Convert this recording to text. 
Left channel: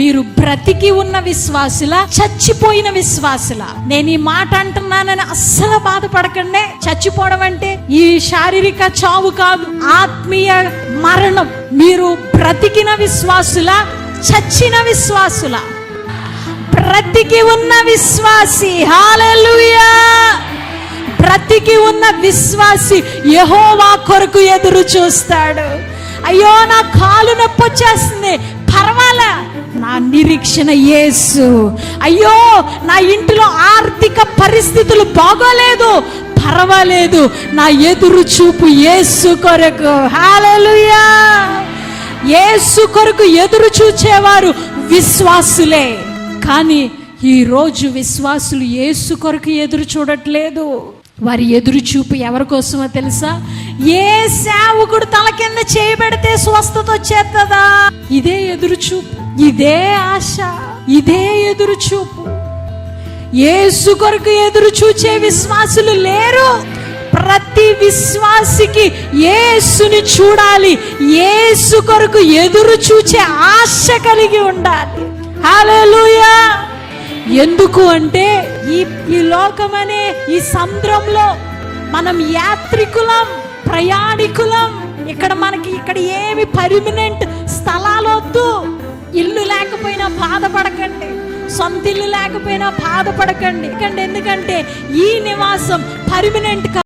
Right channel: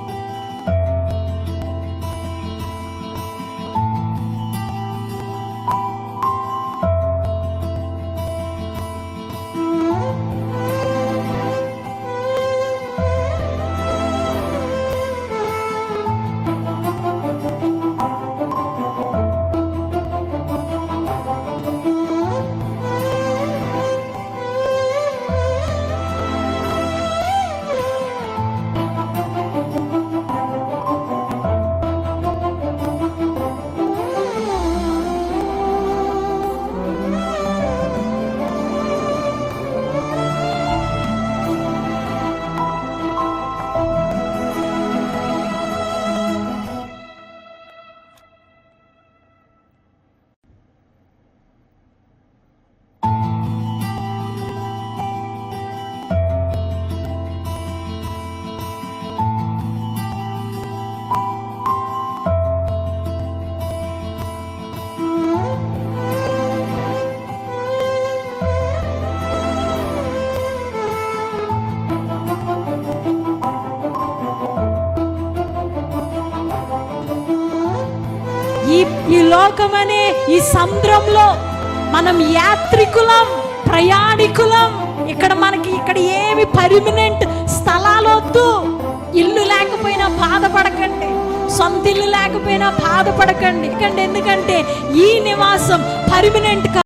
మీరు బ్రతికి ఉన్న విశ్వాసులా, చచ్చిపోయిన విశ్వాసులా? నేను ఈ మాట అంటున్నానని అస్సలు బాధపడకండి. చచ్చిపోవడం అంటే ఈ శారీరక చావు కాదు, ఆత్మీయ మరణం. మీరు బ్రతికిన విశ్వాసులా, చచ్చిన విశ్వాసులా? బ్రతికి ఉన్న విశ్వాసి. హల్లెలూయా! బ్రతికి ఉన్న విశ్వాసి యెహోవా కొరకు ఎదురు చూస్తాడు. అయ్యో, నా కాలు నొప్పి వచ్చేస్తుంది, పర్వాలే, నా నిరీక్షణ యేసు. అయ్యో, నా ఇంటిలో ఆర్థిక పరిస్థితులు బాగోలేదు, పర్వాలేదు, నా ఎదురు చూపు యేసు కొరకు. హల్లెలూయా! యేసు కొరకు ఎదురు చూచేవారు విశ్వాసులే. కానీ ఈ రోజు విశ్వాసులు యేసు కొరకు ఎదురు చూడట్లేదు. వారి ఎదురు చూపు ఎవరి కోసమో తెలుసా? ఏ సేవకుడు తల కింద చేయబెడితే స్వస్థత వచ్చేస్తుందా? ఇదే ఎదురు చూపు, ఇదే ఆశ, ఇదే ఎదురు చూపు. యేసు కొరకు ఎదురు చూచే విశ్వాసులు లేరు. ప్రతి విశ్వాసికి యేసుని చూడాలి, యేసు కొరకు ఎదురు చూచే ఆశ కలిగి ఉండాలి. హల్లెలూయా! ఎందుకు అంటే ఈ లోకమనే ఈ సముద్రంలో మనం యాత్రికులం, ప్రయాణికులం. ఇక్కడ ఏమి పర్మనెంట్ స్థలాలు వద్దు. ఇల్లు లేకపోయినా బాధపడకండి, సొంత ఇల్లు లేకపోయినా బాధపడకండి. ఎందుకంటే ఈ నివాసం పర్మనెంట్